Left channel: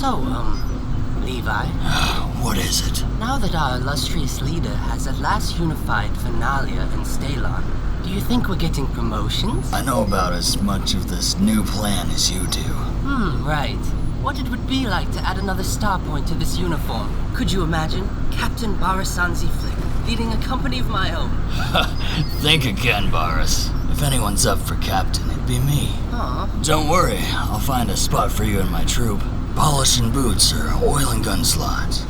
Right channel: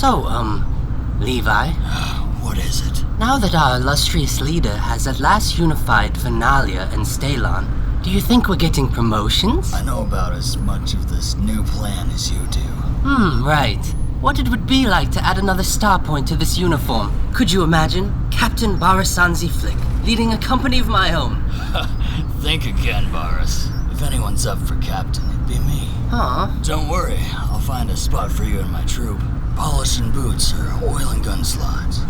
Levi? What is it? Now that our illustrious leader has at last unified Finalia and Stalon, do you think we're getting promotions? I know about as much of this new plan as you do. Right. What it would be like to add another star point to this uniform. Could you imagine? Captain Barasanzi Flick, leading a company of my own. Think again, Baras. If anyone's up for captain, it'd be me. Don't worry, I'll find a spot for you in my troop. Polishing boots or oiling gun slots.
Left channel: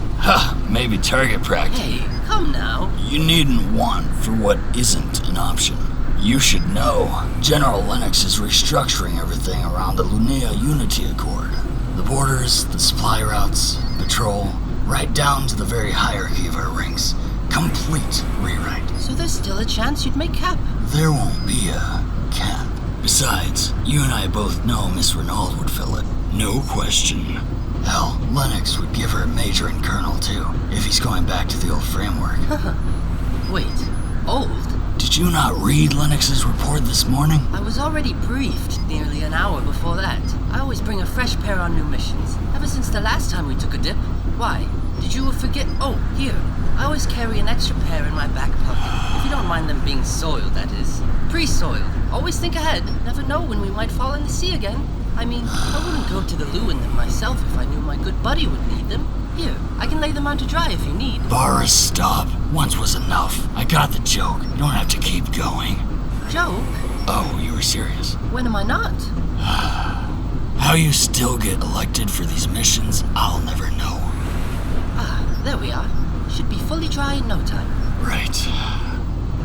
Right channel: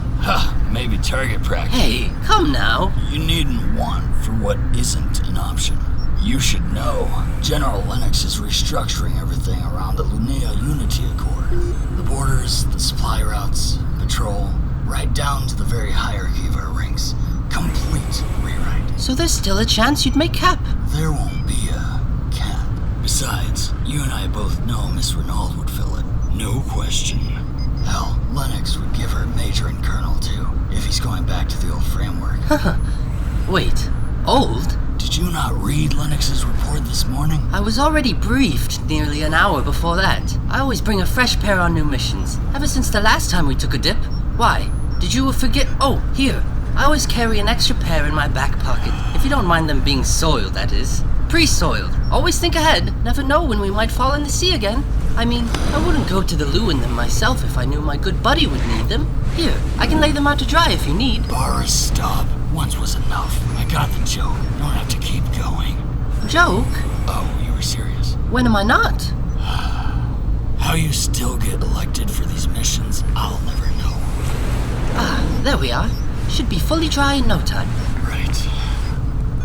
Maybe target practice. Hey, come now. You needn't want for what isn't an option. You should know, General Lennox is restructuring everything around the Lunea Unity Accord. The borders, the supply routes, patrol, right down to the very hierarchy of our ranks. Complete rewrite. So there's still a chance you'd make cap? There won't be a cap. Besides, you and I both know Miss Renault would fill it. No question. Hell, Lennox would give her a major and colonel too, if he's going back to the old framework. Wait, old? Did you not read Lennox's report this morning? I was already briefed nearly an hour before that. I always bring a fresh pair on new missions, ever since the last time we took a dip. Why? Did you forget? Oh, here. I always carry an extra pair in my back pocket, if you don't mind them being soiled, that is. Pre-soiled. Always think ahead. Never know when we might fall in the sea again. I mean, I wouldn't go to the loo in them myself if I knew my good buddy would need them. Here, I can lay them out to dry if you need. Baras, stop. Once was enough. I got the joke. Don't have to keep going. Joke? Oh, you were serious? When am I not? How you still get elected for these missions, I'll never know. There we are. Should be fully dry in no time. Right.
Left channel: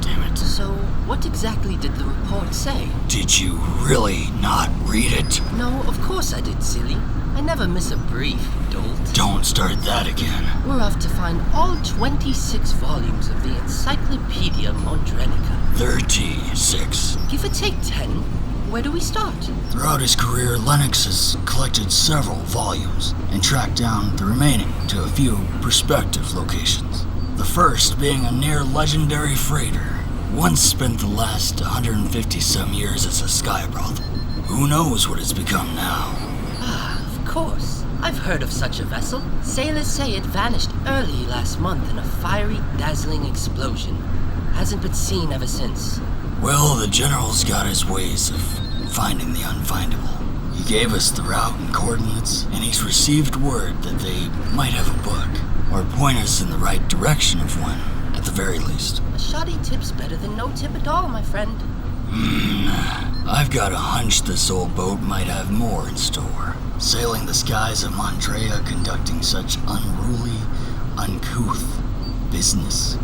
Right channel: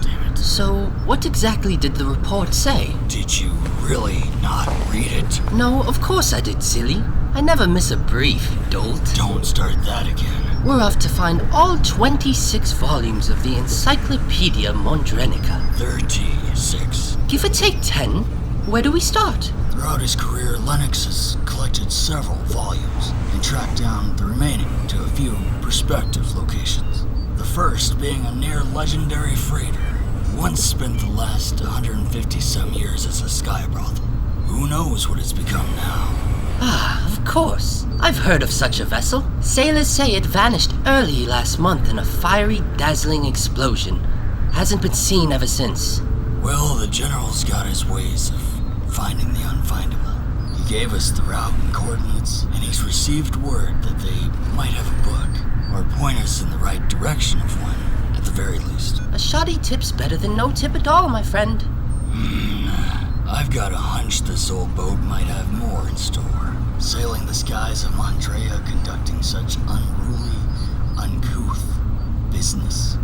Damn it. So, what exactly did the report say? Did you really not read it? No, of course I did, silly. I never miss a brief, dolt. Don't start that again. We're off to find all 26 volumes of the Encyclopedia Mondrenica. 36. Give or take 10. Where do we start? Throughout his career, Lennox has collected several volumes and tracked down the remaining to a few prospective locations. The first being a near legendary freighter, once spent the last 150-some years as a sky brothel. Who knows what it's become now? Of course. I've heard of such a vessel. Sailors say it vanished early last month in a fiery, dazzling explosion. Hasn't been seen ever since. Well, the General's got his ways of finding the unfindable. He gave us the route and coordinates, and he's received word that they might have a book, or point us in the right direction of one, at the very least. A shoddy tip's better than no tip at all, my friend. I've got a hunch this old boat might have more in store. Sailing the skies of Mondrea, conducting such unruly, uncouth business.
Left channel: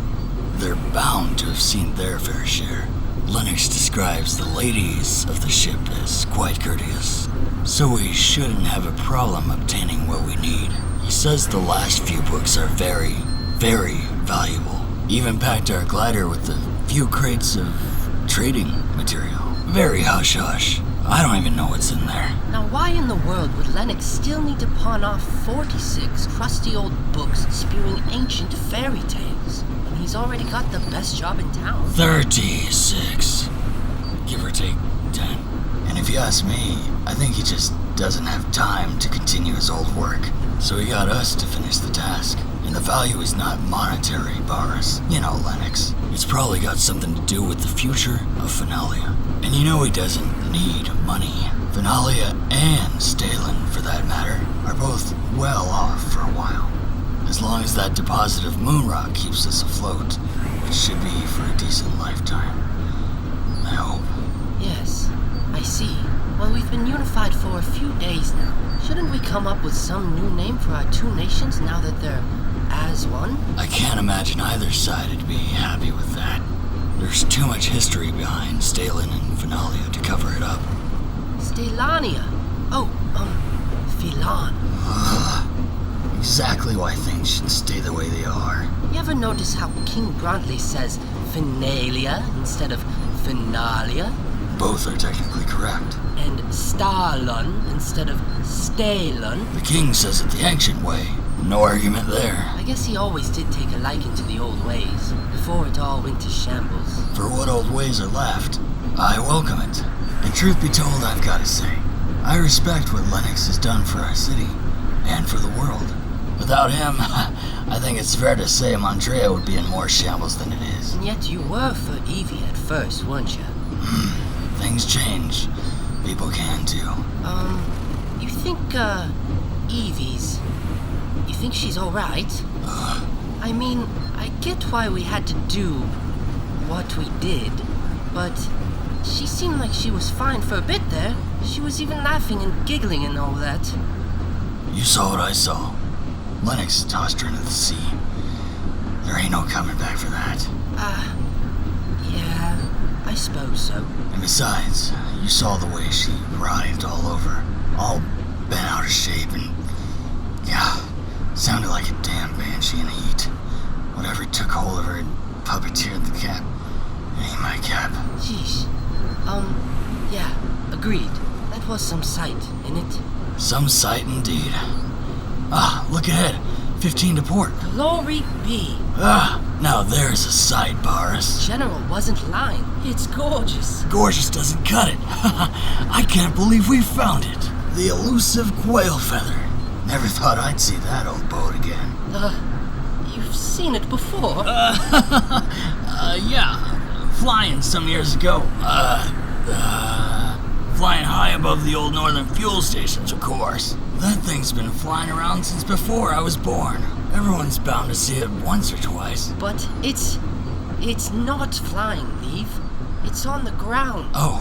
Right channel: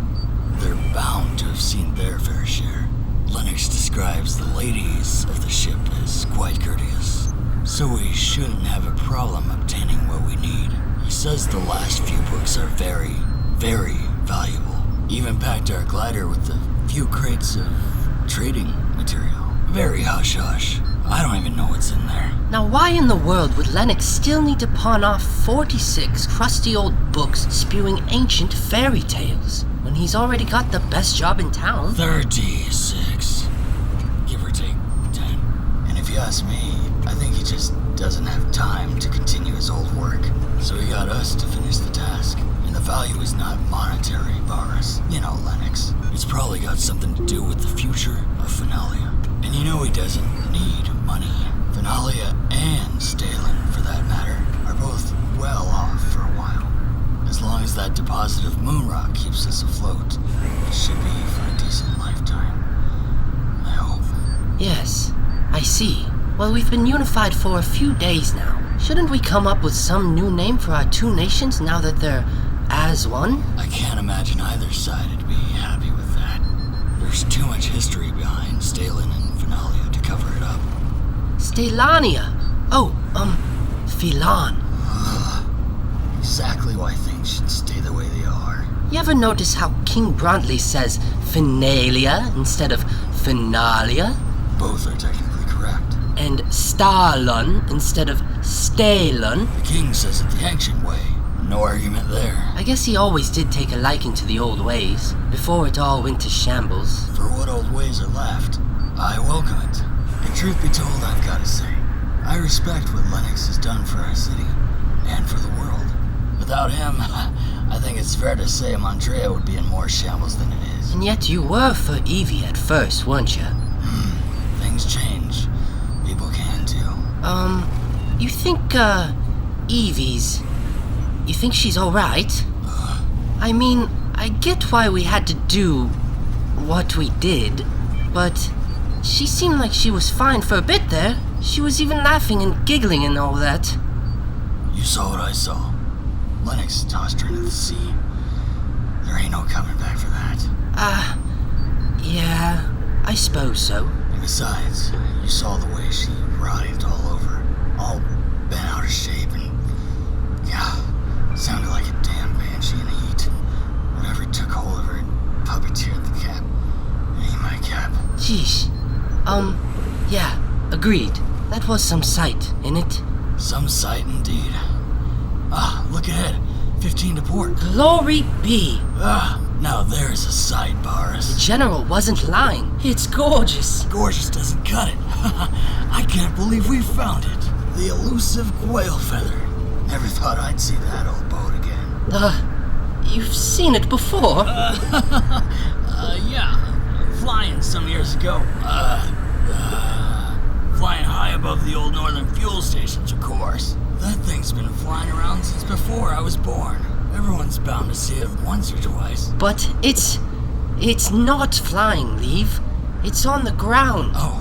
They're bound to have seen their fair share. Lennox describes the ladies of the ship as quite courteous, so we shouldn't have a problem obtaining what we need. He says the last few books are very, very valuable. Even packed our glider with a few crates of trading material. Very hush-hush. I don't even know what's in there. Now why in the world would Lennox still need to pawn off 46 crusty old books spewing ancient fairy tales when he's already got the best job in town? 36. Give or take 10. And if you ask me, I think he just doesn't have time to continue his old work. So he got us to finish the task. And the value is not monetary, Baras. You know, Lennox. It's probably got something to do with the future of Finalia. And you know he doesn't need money. Finalia and Stalon, for that matter, are both well off for a while. As long as that deposit of moonrock keeps us afloat, which should be for a decent lifetime. I hope. Yes, I see. Well, we've been unified for a few days now. Shouldn't we come up with some new name for our two nations now that they're as one? I can't imagine either side would be happy with that. There's too much history behind Stalon and Finalia to cover it up. Stalania. Philan. Exactly why things should stay the way they are. You ever notice how King Bruntley says Finalia instead of Finalia? Both are technically correct. And Stalon instead of Stalon? The king says it the ancient way. No argument there. I guess he always did take a liking to the old ways, before it all went to shambles. For what old ways are left, I welcome it. And truth be told, I've got to say, I respect what Lennox has done for our city, and for the world. Without him, I think it's fair to say Mondrea would be in more shambles than it is. And yet you were for Evie at first, weren't you? Things change. People can too. You think, Evie's... You think she's alright? I mean, I get why we had to do what we did, but she seemed like she was fine for a bit there. She was even laughing and giggling and all that. You saw what I saw. Lennox tossed her into the sea. There ain't no coming back for that. Yeah, I suppose so. And besides, you saw the way she writhed all over, all bent out of shape, and yeah, sounded like a damn banshee in heat. Whatever took hold of her and puppeteered the cap. It ain't my cap. Jeez. Yeah, agreed. That was some sight, innit? Some sight indeed. Look ahead. 15 to port. Glory be! Now there's a sight, Boris. The General wasn't lying. It's gorgeous. Gorgeous doesn't cut it. I can't believe we found it. The elusive quail feather. Never thought I'd see that old boat again. You've seen it before? Yeah. Flying some years ago. Flying high above the old northern fuel stations, of course. That thing's been flying around since before I was born. Everyone's bound to see it once or twice. But it's not flying, Leave. It's on the ground. Oh,